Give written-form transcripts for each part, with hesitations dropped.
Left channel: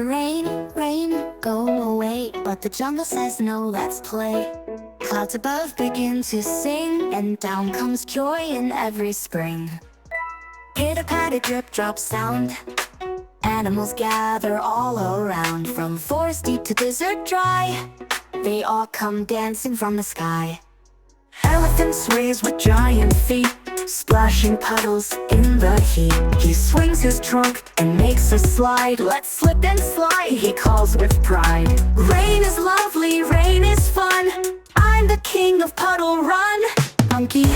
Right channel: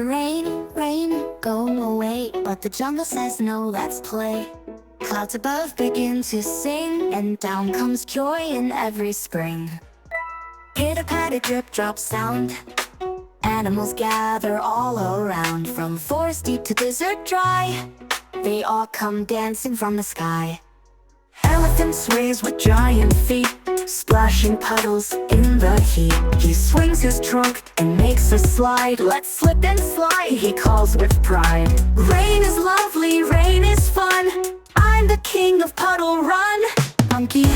Rain, rain, go away, but the jungle says no, let's play. Clouds above begin to sing, and down comes joy in every spring. Pitter-patter, drip-drop sound, animals gather all around. From forest deep to desert dry, they all come dancing from the sky. Elephant sways with giant feet, splashing puddles in the heat. He swings his trunk and makes a slide. Let's slip and slide, he calls with pride. Rain is lovely, rain is fun, I'm the king of puddle run. Monkey.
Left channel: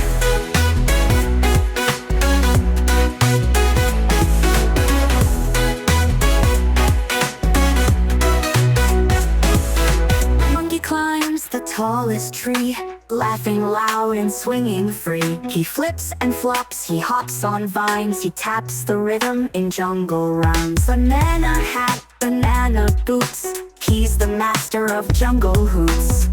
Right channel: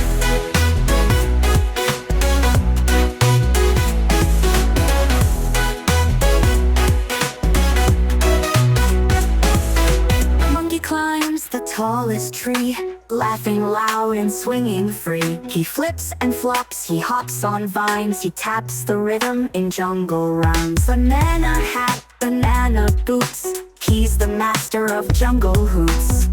Monkey climbs the tallest tree, laughing loud and swinging free. He flips and flops, he hops on vines, he taps the rhythm in jungle rhymes. Banana hat, banana boots, he's the master of jungle hoots.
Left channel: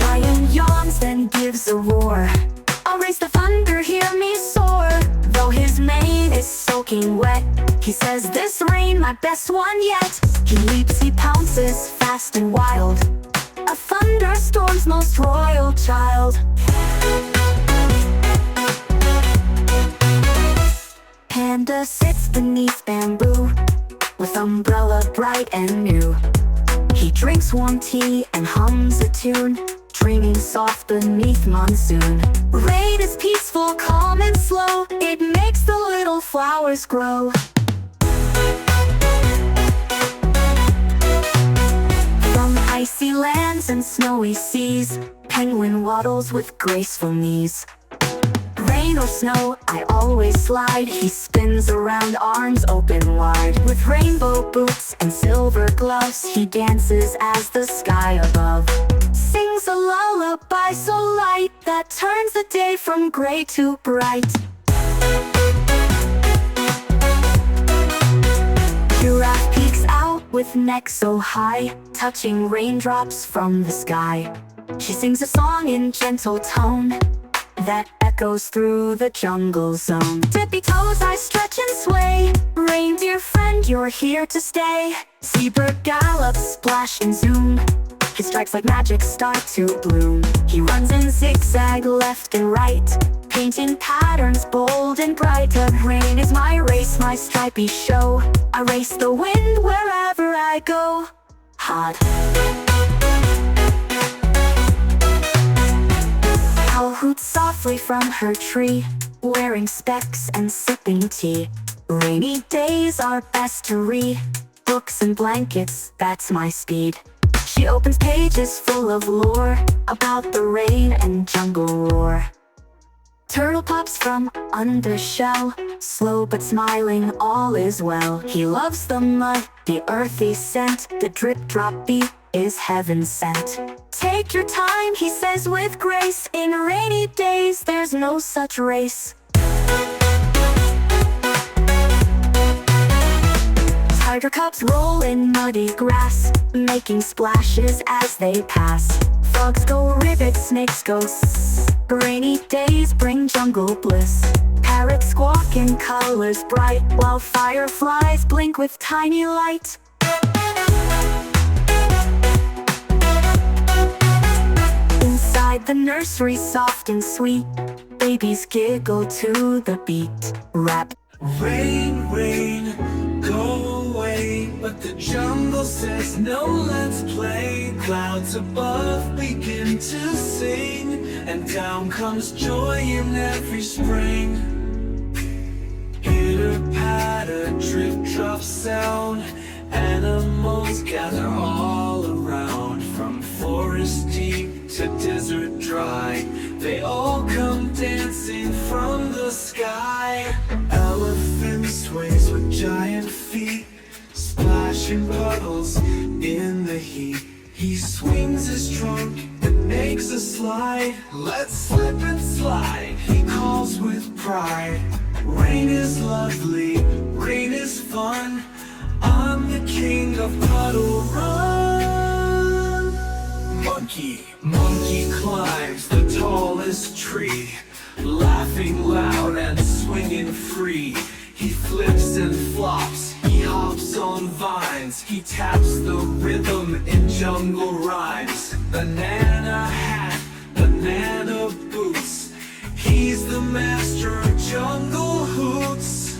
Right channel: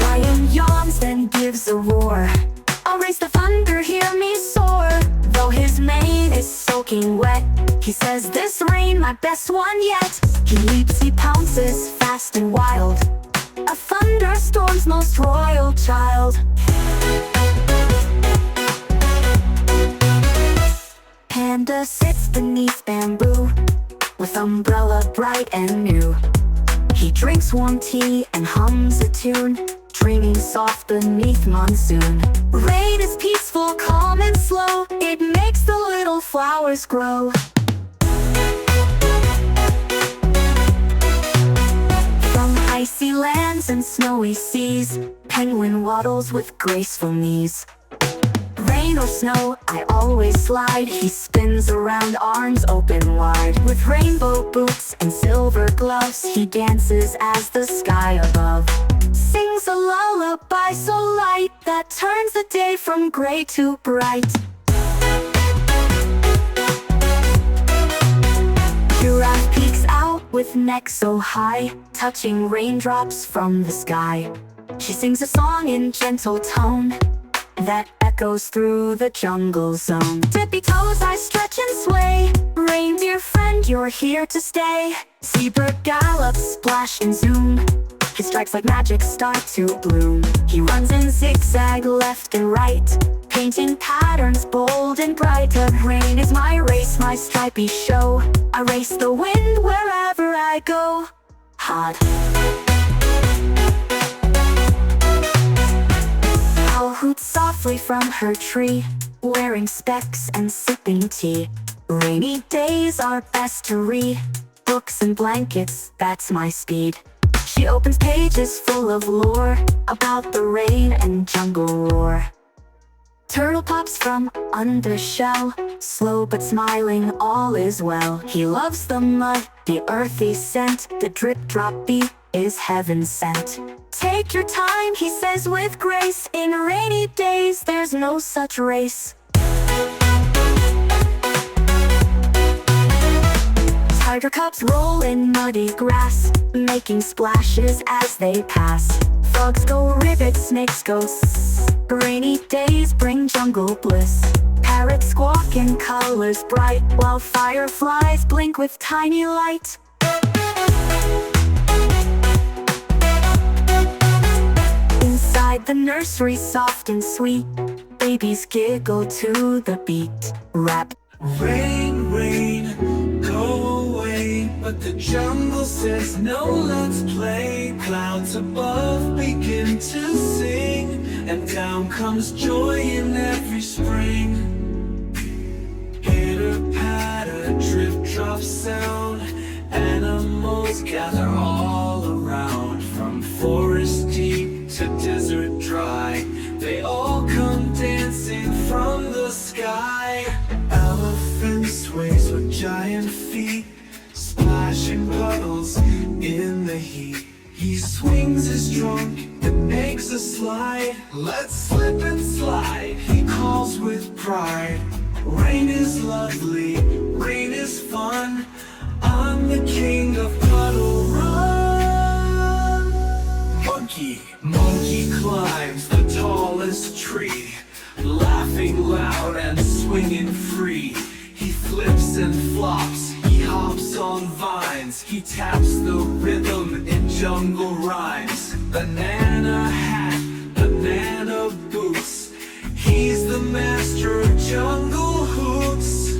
Lion yawns, then gives a roar. I'll raise the thunder, hear me soar. Though his mane is soaking wet, he says, this rain, my best one yet. He leaps, he pounces, fast and wild, a thunderstorm's most royal child. Panda sits beneath bamboo, with umbrella bright and new. He drinks warm tea and hums a tune, dreaming soft beneath monsoon. Rain is peaceful, calm and slow, it makes the little flowers grow. From icy lands and snowy seas, penguin waddles with graceful knees. Rain or snow, I always slide. He spins around, arms open wide. With rainbow boots and silver gloves, he dances as the sky above sings a lullaby so light that turns the day from gray to bright. Giraffe peeks out with neck so high, touching raindrops from the sky. She sings a song in gentle tone that echoes through the jungle zone. Tippy toes, I stretch and sway. Reindeer friend, you're here to stay. Seabird gallops, splash and zoom. His stripes like magic start to bloom. He runs in zigzag left and right, painting patterns bold and bright. Rain is my race, my stripy show. I race the wind wherever I go. Hot. Owl hoots softly from her tree, wearing specs and sipping tea. Rainy days are best to read, books and blankets, that's my speed. She opens pages full of lore about the rain and jungle roar. Turtle pops from under shell, slow but smiling, all is well. He loves the mud, the earthy scent, the drip-drop beat is heaven sent. Take your time, he says with grace, in rainy days there's no such race. Tiger cubs roll in muddy grass, making splashes as they pass. Frogs go ribbit, snakes go sss. Rainy days bring jungle bliss. Parrots squawk in colors bright, while fireflies blink with tiny light. Inside the nursery, soft and sweet, babies giggle to the beat. Rap. Rain, rain, go away, but the jungle says no, let's play. Clouds above begin to sing, and down comes joy in every spring. Pitter-patter, drip-drop sound, animals gather all around. From forest deep to desert dry, they all come dancing from the sky. Elephant sways with giant feet, splashing puddles in the heat. He swings his trunk and makes a slide. Let's slip and slide, he calls with pride. Rain is lovely, rain is fun, I'm the king of puddle run. Monkey climbs the tallest tree, laughing loud and swinging free. he taps the rhythm in jungle rhymes. Banana hat, banana boots, he's the master of jungle hoots.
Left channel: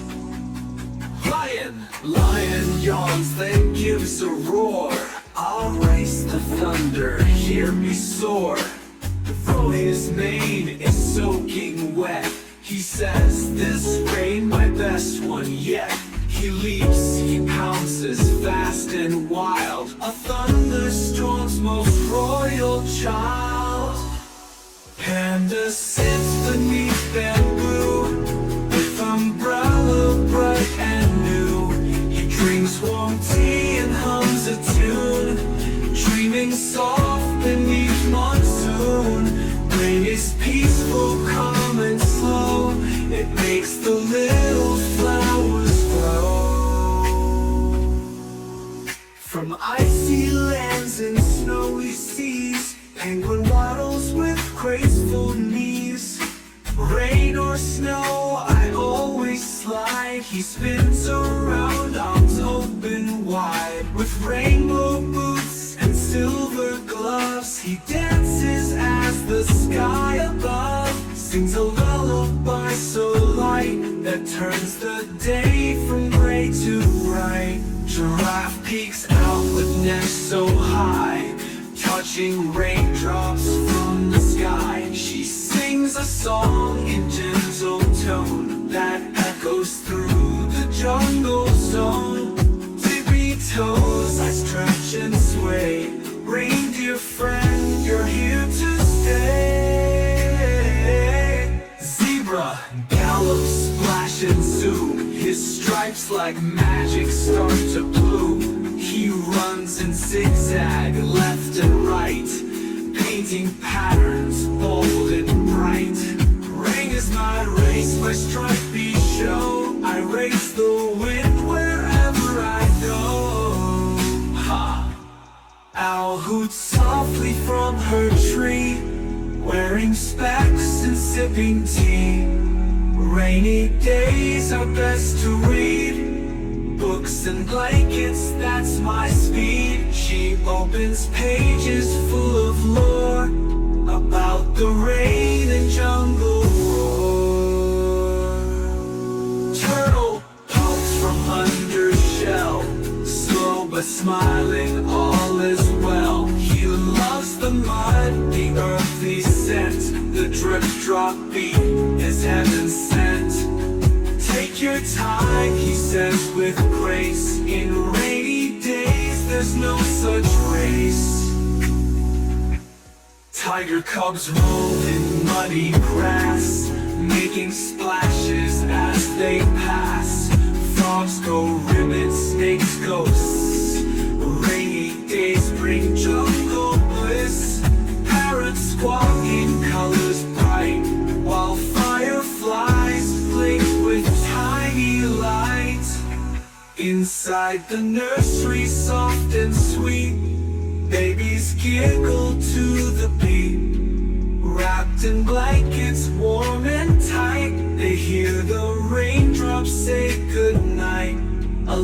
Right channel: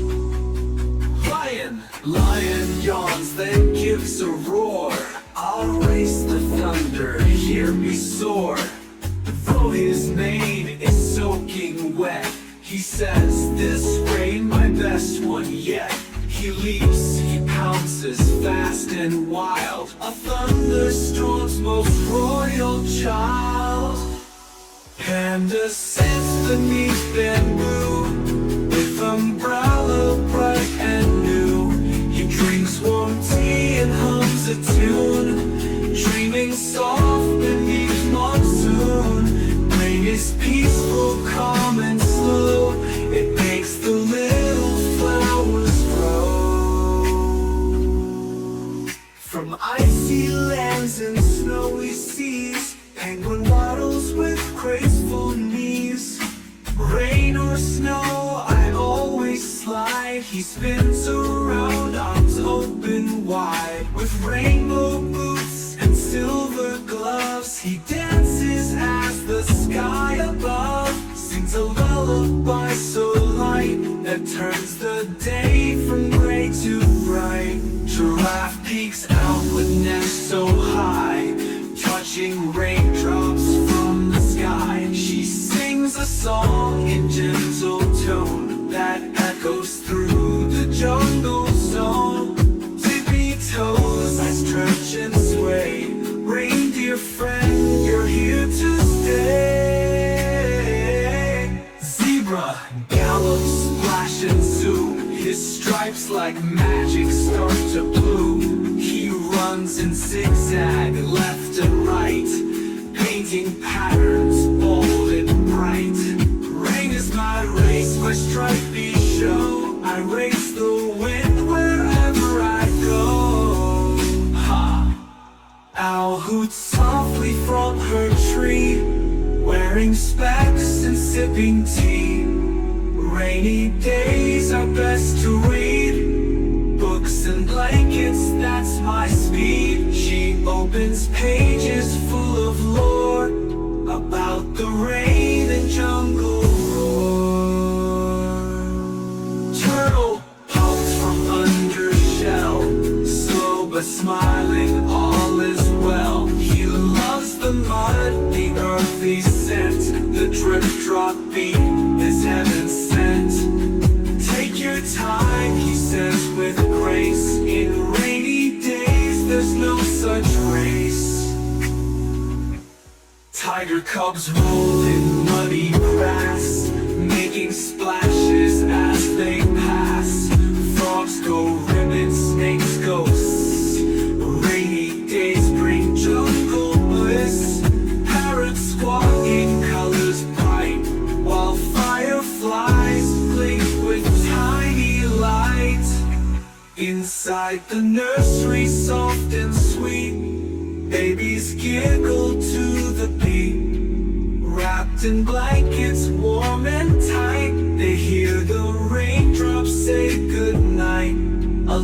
Lion, lion yawns, then gives a roar. I'll race the thunder, hear me soar. Though his mane is soaking wet, he says, this rain my best one yet. He leaps, he pounces fast and wild, a thunderstorm's most royal child. Panda sits beneath bamboo, with umbrella bright and new. He drinks warm tea and hums a tune, dreaming soft beneath monsoon. Rain is peaceful, calm and slow, it makes the little flowers grow. From icy lands and snowy seas, penguin waddles with graceful knees. Rain or snow, I always slide. He spins around, arms open wide. With rainbow boots and silver gloves, he dances as the sky above sings a lullaby so light that turns the day from gray to bright. Giraffe peeks out with neck so high, touching raindrops from the sky. She sings a song in gentle tone that echoes through the jungle zone. Tippy toes, I stretch and sway. Reindeer friend, you're here to stay. Zebra gallops, splash and zoom. His stripes like magic start to bloom. He runs in zigzag left and right, painting patterns bold and bright. Rain is my race, my stripey show. I race the wind wherever I go. Ha! Owl hoots softly from her tree, wearing specs and sipping tea. Rainy days are best to read books and blankets, that's my speed. She opens pages full of lore about the rain and jungle roar. Turtle pops from under shell, slow but smiling, all is well. He loves the mud, the earthy scent, the drip drop beat is heaven sent. Take your time, he says with grace. In rainy days there's no such race. Tiger cubs roll in muddy grass, making splashes as they pass. Frogs go ribbon, snakes ghosts. Rainy days bring jungle bliss. Parrots squawk in colors bright, while fireflies blink with tiny light. Inside the nursery, soft and sweet, babies giggle to the beat. Wrapped in blankets, warm and tight, they hear the raindrops say goodnight. A